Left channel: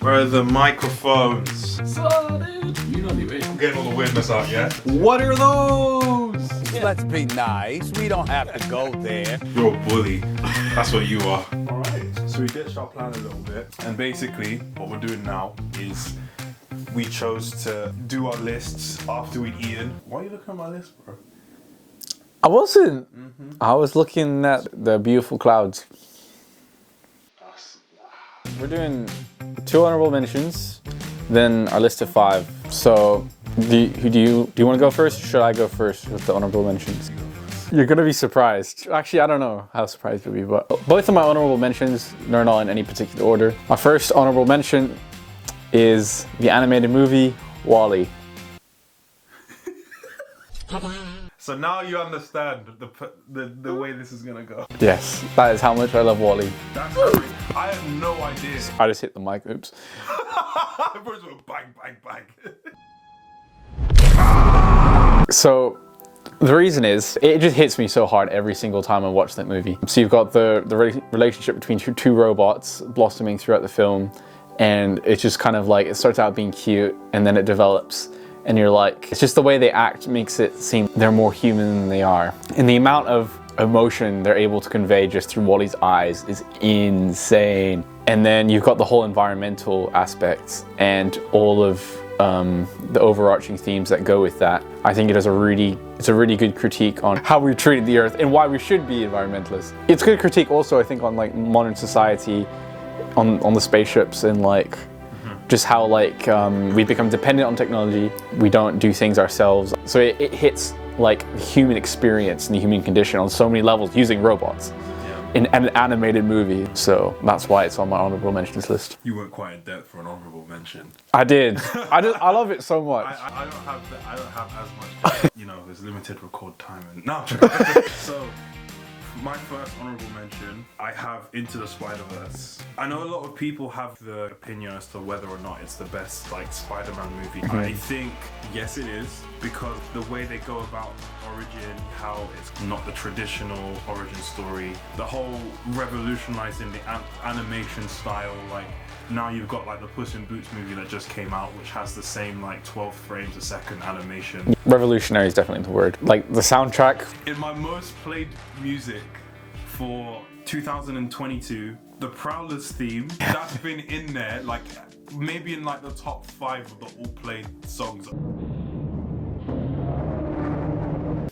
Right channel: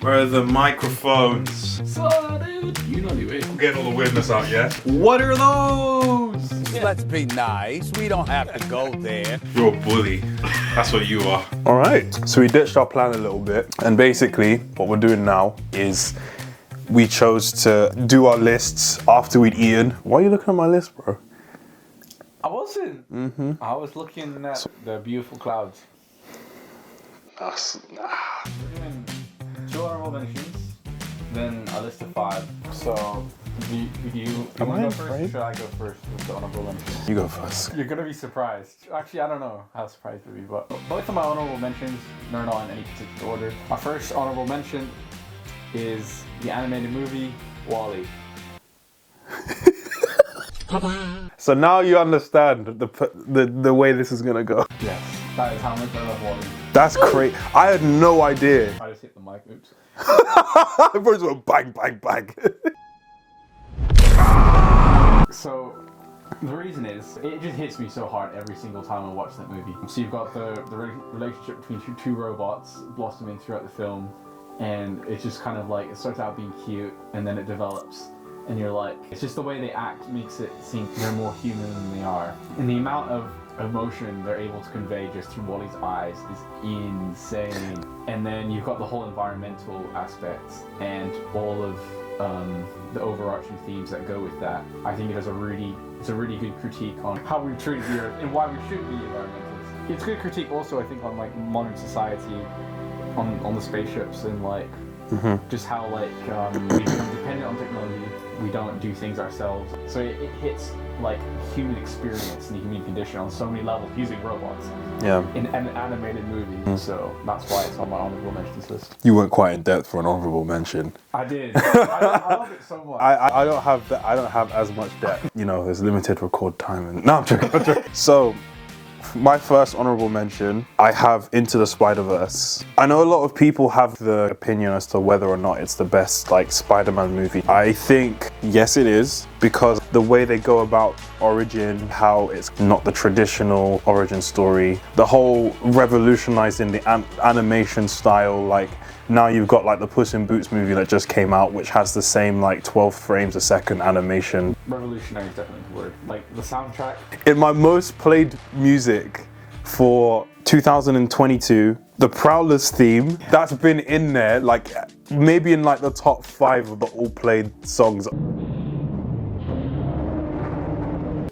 Where are the microphones? Sorted. You know the way. I'm getting all the weirdness out, yeah? What are those? Let's be nice. We don't have to go there. You're a bully. That's what you are. All right, so we ditched our plan a little bit, and basically what we're doing now is we chose to do our lists after we'd eaten. Why are you looking at my list, bro? I wasn't. I was looking at the beautiful clouds. We're doing 2 honorable mentions, then a list of 5. So, do you want to go first, or should I go first with the honorable mentions? You go first. You're gonna be surprised. Actually, I don't know how surprised you'll be, but both of my honorable mentions, they're not in any particular order. My first honorable mention is the animated movie WALL-E. So now you understand the way this is gonna go. Yes, that is how much I love WALL-E. That's great. I had no idea. I just hit the mic, oops. I first went bang, bang, bang. So, the reason is, it just hits me so hard every single time I watch that movie. So you've got the relationship between two robots blossoming throughout the film, and it's just kind of like, it starts out being cute, and then it develops. And you're like, it's just the way they act makes it seem they're more human than they are. And the amount of emotion they're able to convey just through Wall-E's eyes is insane. And then you've got the whole environmental aspects and all of the overarching themes that go with that. I think it's a really good critique on how we treated the earth and why we should be environmentalists. It's a good critique also, I think, on like modern society, on the spaceships and like, just how like we become dependent on technology, we don't do things ourselves. So it hits like the human experience and the human condition on so many levels using robots in an animated movie. So that's why it's on my honorable mentions list. You went quite in depth for an honorable mention. I did. I love it so much. I don't have that. I don't have as much depth. You know, there's limited record time. And no, I'm joking. So, my first honorable mention, I have Into the Spider-Verse. I know a lot of people have the opinion as to whether or not it's the best like Spider-Man movie. I think yes it is, because the way they go about origin, how it's not the traditional origin story, the whole revolutionizing the animation style, like now you've got like the Puss in Boots movie that just came out, which has the same like 12 frames a second animation. Revolutionary is definitely the word. Like the soundtrack. In my most played music for 2022, the Prowlers theme, that's been in there, like maybe in like the top 5 of the all played songs.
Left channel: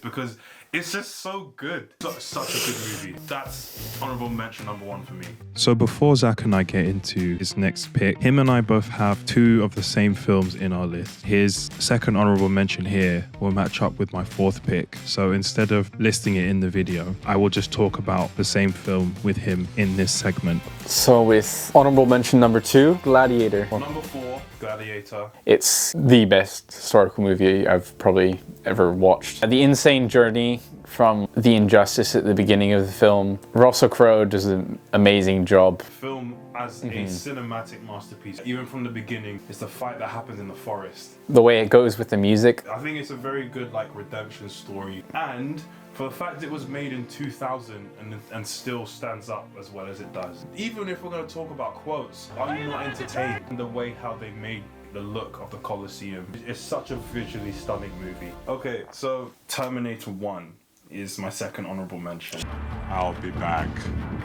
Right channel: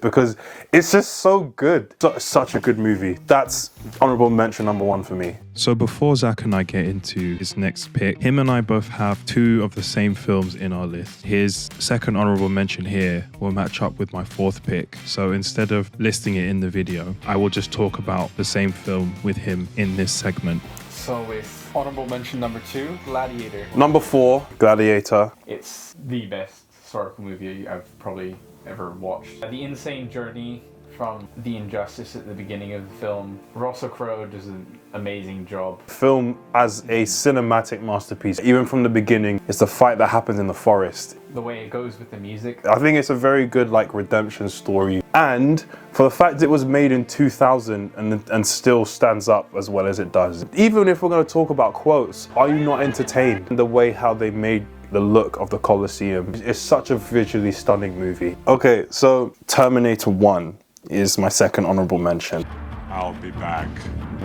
Because it's just so good. Such a good movie. That's honorable mention number 1 for me. So before Zach and I get into his next pick, him and I both have 2 of the same films in our list. His second honorable mention here will match up with my 4th pick. So instead of listing it in the video, I will just talk about the same film with him in this segment. So with honorable mention number 2, Gladiator. Number 4, Gladiator. It's the best historical movie I've probably ever watched. The insane journey from the injustice at the beginning of the film. Russell Crowe does an amazing job. Film as a cinematic masterpiece. Even from the beginning, it's the fight that happens in the forest. The way it goes with the music. I think it's a very good like redemption story. And for the fact it was made in 2000 and still stands up as well as it does. Even if we're going to talk about quotes, are you not entertained? The way how they made the look of the Colosseum. It's such a visually stunning movie. Okay, so Terminator 1 is my second honorable mention. I'll be back.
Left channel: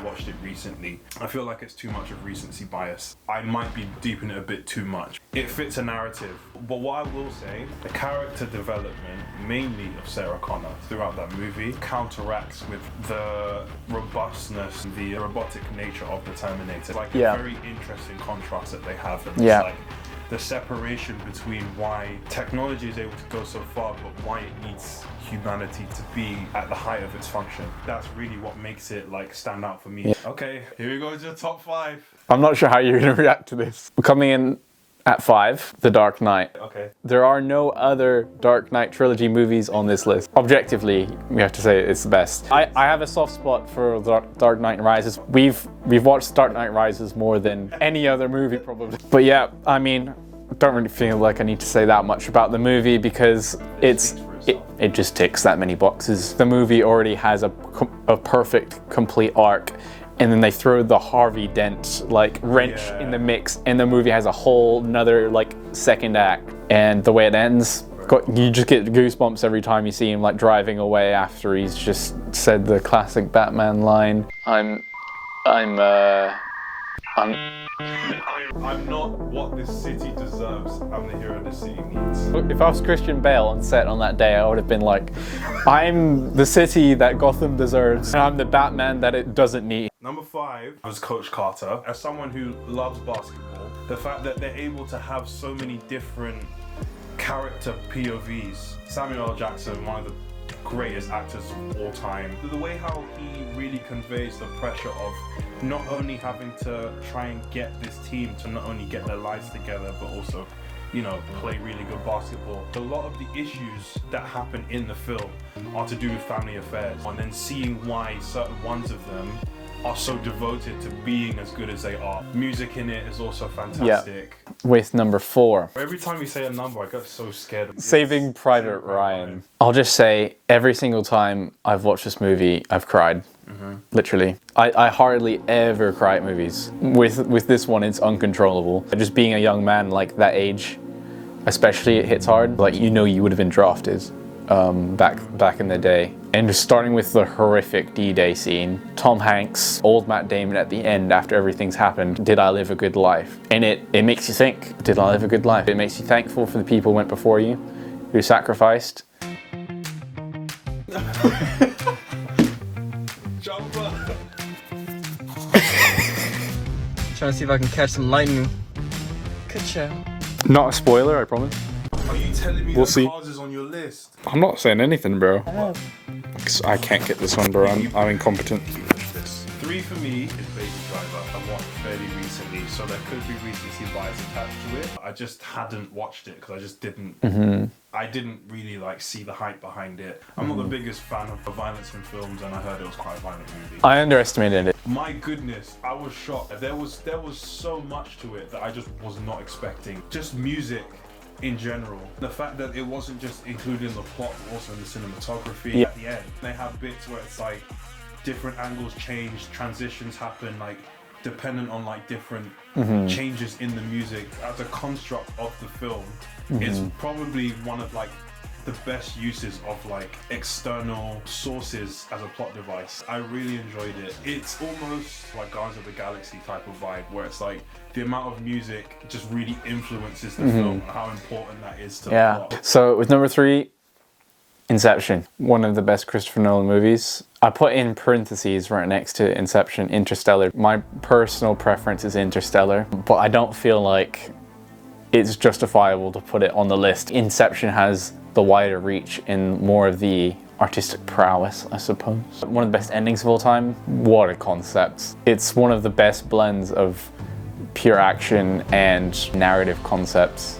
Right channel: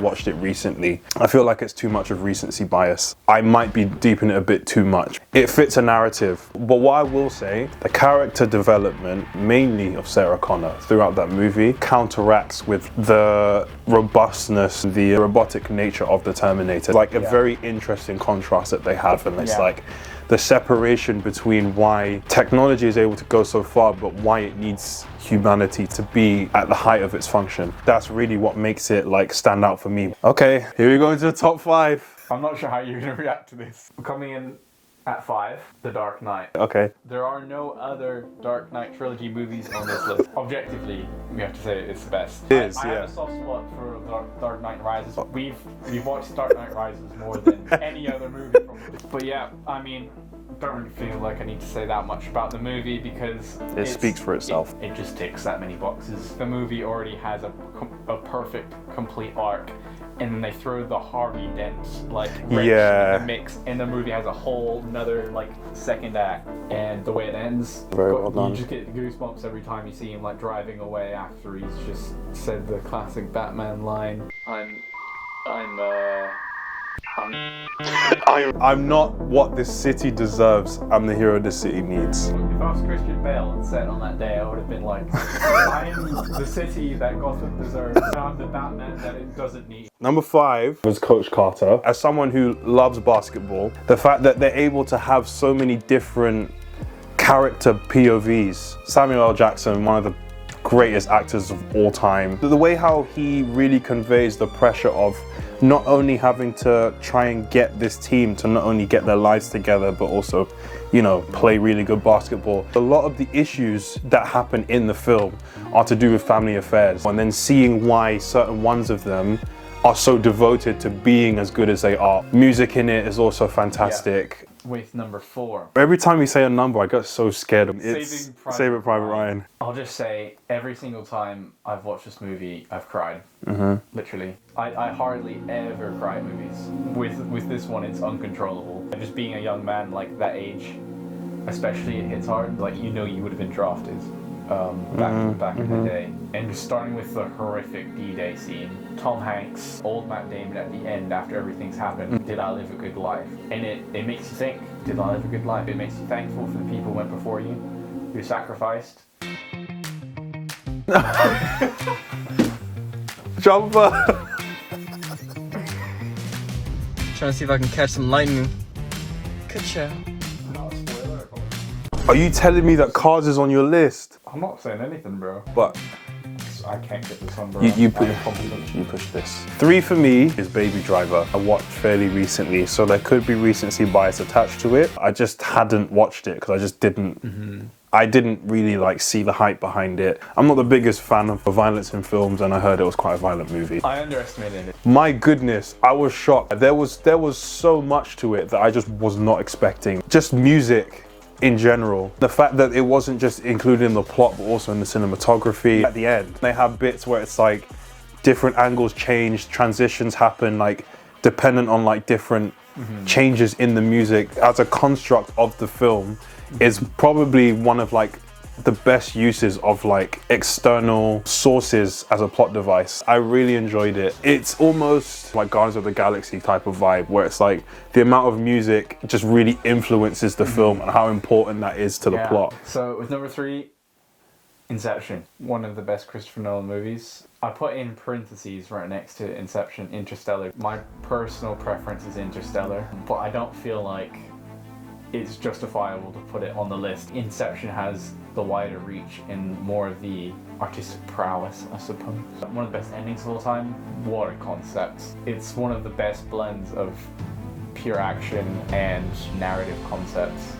Watched it recently. I feel like it's too much of recency bias. I might be deep in it a bit too much. It fits a narrative, but what I will say, the character development, mainly of Sarah Connor throughout that movie, counteracts with the robustness, the robotic nature of the Terminator. Like a very interesting contrast that they have, and it's like the separation between why technology is able to go so far, but why it needs humanity to be at the height of its function. That's really what makes it like stand out for me. Okay, here we go into the top 5. I'm not sure how you're gonna react to this. We're coming in at 5, The Dark Knight. Okay. There are no other Dark Knight trilogy movies on this list. Objectively, we have to say it's the best. I have a soft spot for Dark Knight Rises. We've watched Dark Knight Rises more than any other movie probably. But yeah, I mean, I don't really feel like I need to say that much about the movie because it speaks for itself. It just ticks that many boxes. The movie already has a perfect, complete arc, and then they throw the Harvey Dent like wrench in the mix, and the movie has a whole another like second act. And the way it ends, you just get goosebumps every time you see him like driving away after he's just said the classic Batman line, I'm not what this city deserves. I'm the hero this city needs. If I was Christian Bale on set on that day, I would have been like, I'm the city that Gotham deserves, and I'm the Batman that it doesn't need. Number 5 was Coach Carter. As someone who loves basketball, the fact that they're able to have so many different character POVs. Samuel L. Jackson, one of the greatest actors of all time. The way how he really conveys the pressure of not only having to try and get this team to not only get their lives together, but also, you know, play really good basketball. A lot of the issues that happen in the film are to do with family affairs, and then seeing why certain ones of them are so devoted to being as good as they are. Music in it is also fantastic. Yeah. With number 4. Every time we say a number, I get so scared of Saving Private Ryan. I'll just say, every single time I've watched this movie, I've cried. Literally. I hardly ever cry at movies. With this one, it's uncontrollable. Just being a young man like that age, especially, it hits hard. Like, you know, you would have been drafted back in the day. And just starting with the horrific D-Day scene, Tom Hanks, old Matt Damon at the end after everything's happened, did I live a good life? And it makes you think, did I live a good life? It makes you thankful for the people who went before you, who sacrificed. Jumper! Trying to see if I can catch some lightning. Ka-chow. Not a spoiler, I promise. Are you telling me that see. Cars is on your list? I'm not saying anything, bro. What? I can't get this one, bro. I'm incompetent. You push this. 3 for me is Baby Driver. I watched fairly recently, so there could be recency bias attached to it. I just hadn't watched it because I just didn't. I didn't really like see the hype behind it. I'm not the biggest fan of violence in films, and I heard it was quite a violent movie. I underestimated it. My goodness, I was shocked. There was so much to it that I just was not expecting. Just music in general. The fact that it wasn't just included in the plot, but also in the cinematography. At the end, they have bits where it's like different angles change, transitions happen, like dependent on like different changes in the music. As a construct of the film, it's probably one of like the best uses of like external sources as a plot device. I really enjoyed it. It's almost like Guardians of the Galaxy type of vibe, where it's like the amount of music just really influences the film and how important that is to the plot. So with number 3, Inception, one of the best Christopher Nolan movies. I put in parentheses right next to Inception, Interstellar. My personal preference is Interstellar, but I don't feel like it's justifiable to put it on the list. Inception has the wider reach and more of the artistic prowess, I suppose. One of the best endings of all time. What a concept. It's one of the best blends of pure action and narrative concepts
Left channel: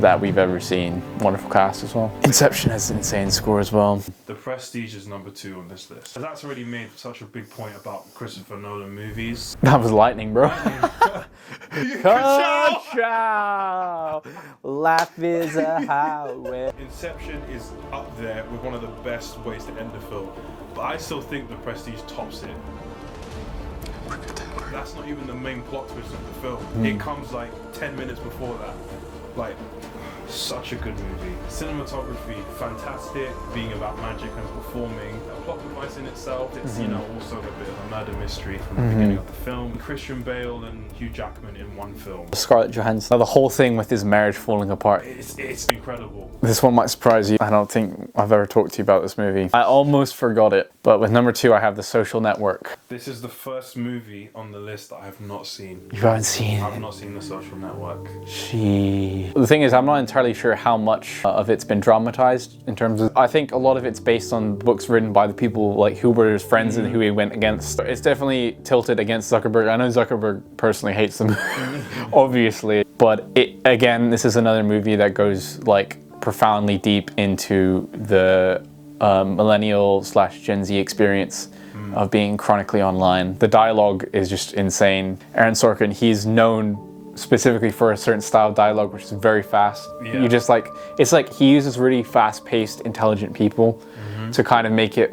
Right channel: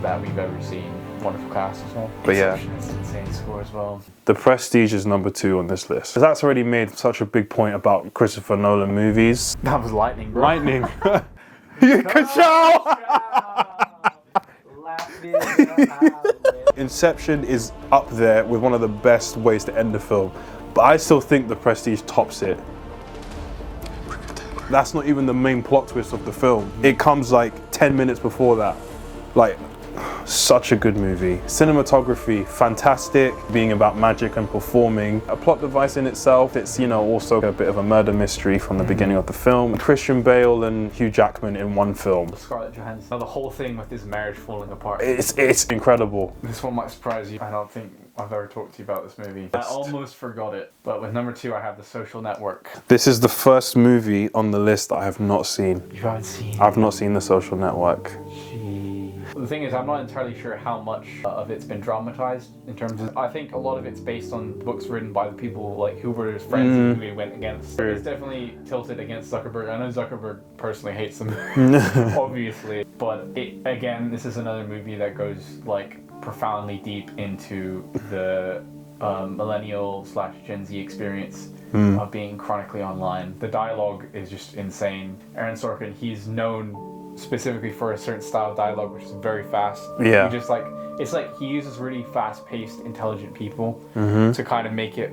that we've ever seen. Wonderful cast as well. Inception has an insane score as well. The Prestige is number 2 on this list. That's already made such a big point about Christopher Nolan movies. That was lightning, bro. Lightning. Life is a highway. Inception is up there with one of the best ways to end the film, but I still think The Prestige tops it. That's not even the main plot twist of the film. It comes like 10 minutes before that. Like, such a good movie. Cinematography, fantastic, being about magic and performing. A plot device in itself, it's, you know, also a bit of a murder mystery from the beginning of the film. Christian Bale and Hugh Jackman in one film. Scarlett Johansson. The whole thing with his marriage falling apart. It's incredible. This one might surprise you. I don't think I've ever talked to you about this movie. I almost forgot it, but with number 2, I have The Social Network. This is the first movie on the list that I have not seen. You haven't seen it? I've not seen The Social Network. Gee. The thing is, I'm not entirely sure how much of it's been dramatized in terms of, I think a lot of it's based on books written by the people like who were his friends and who he went against. It's definitely tilted against Zuckerberg. I know Zuckerberg personally hates them, obviously, but again, this is another movie that goes like profoundly deep into the millennial/Gen Z experience of being chronically online. The dialogue is just insane. Aaron Sorkin, he's known specifically for a certain style of dialogue, which is very fast. Yeah. You just like, it's like he uses really fast-paced, intelligent people to kind of make it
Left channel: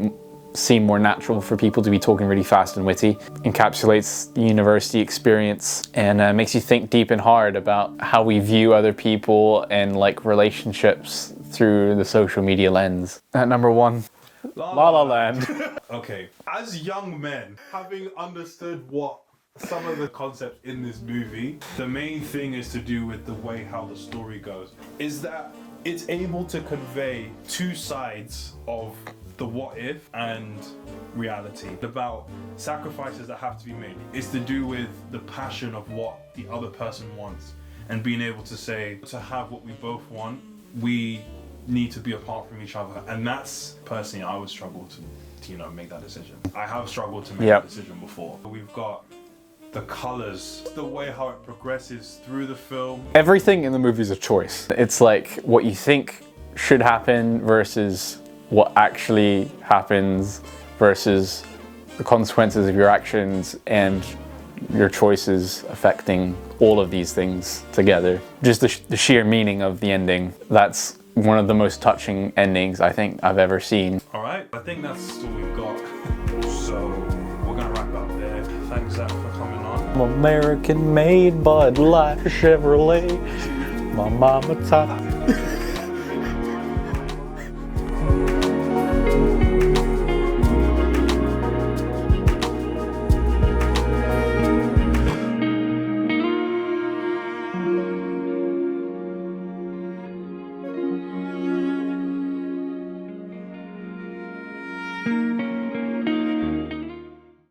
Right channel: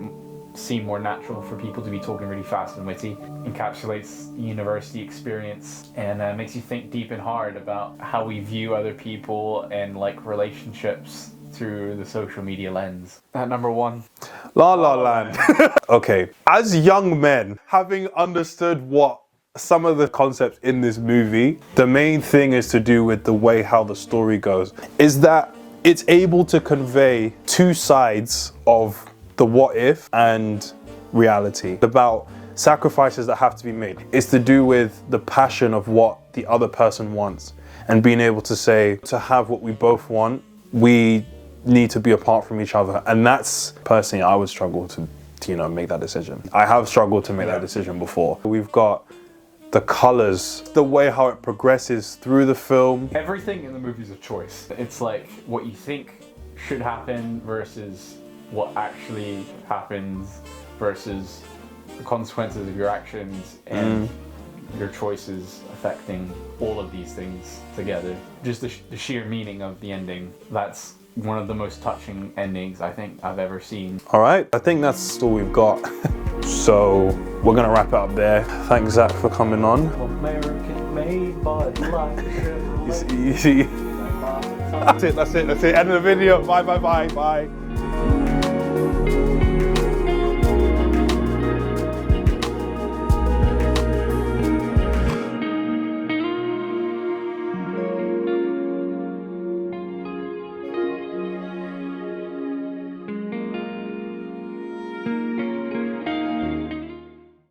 seem more natural for people to be talking really fast and witty. Encapsulates the university experience and makes you think deep and hard about how we view other people and like relationships through the social media lens. At number 1, La La La Land. Okay, as young men, having understood what some of the concepts in this movie, the main thing is to do with the way how the story goes, is that it's able to convey two sides of the what if and reality, about sacrifices that have to be made. It's to do with the passion of what the other person wants and being able to say, to have what we both want, we need to be apart from each other. And that's, personally, I would struggle to make that decision. I have struggled to make that decision before. We've got the colors, the way how it progresses through the film. Everything in the movie is a choice. It's like what you think should happen versus what actually happens versus the consequences of your actions and your choices affecting all of these things together. Just the sheer meaning of the ending. That's one of the most touching endings I think I've ever seen. All right, I think that's all we've got. So we're gonna wrap it up there. Thanks, Zach, for coming on. American made Bud Light Chevrolet. Easy. My mama That's it. End of the video. Bye.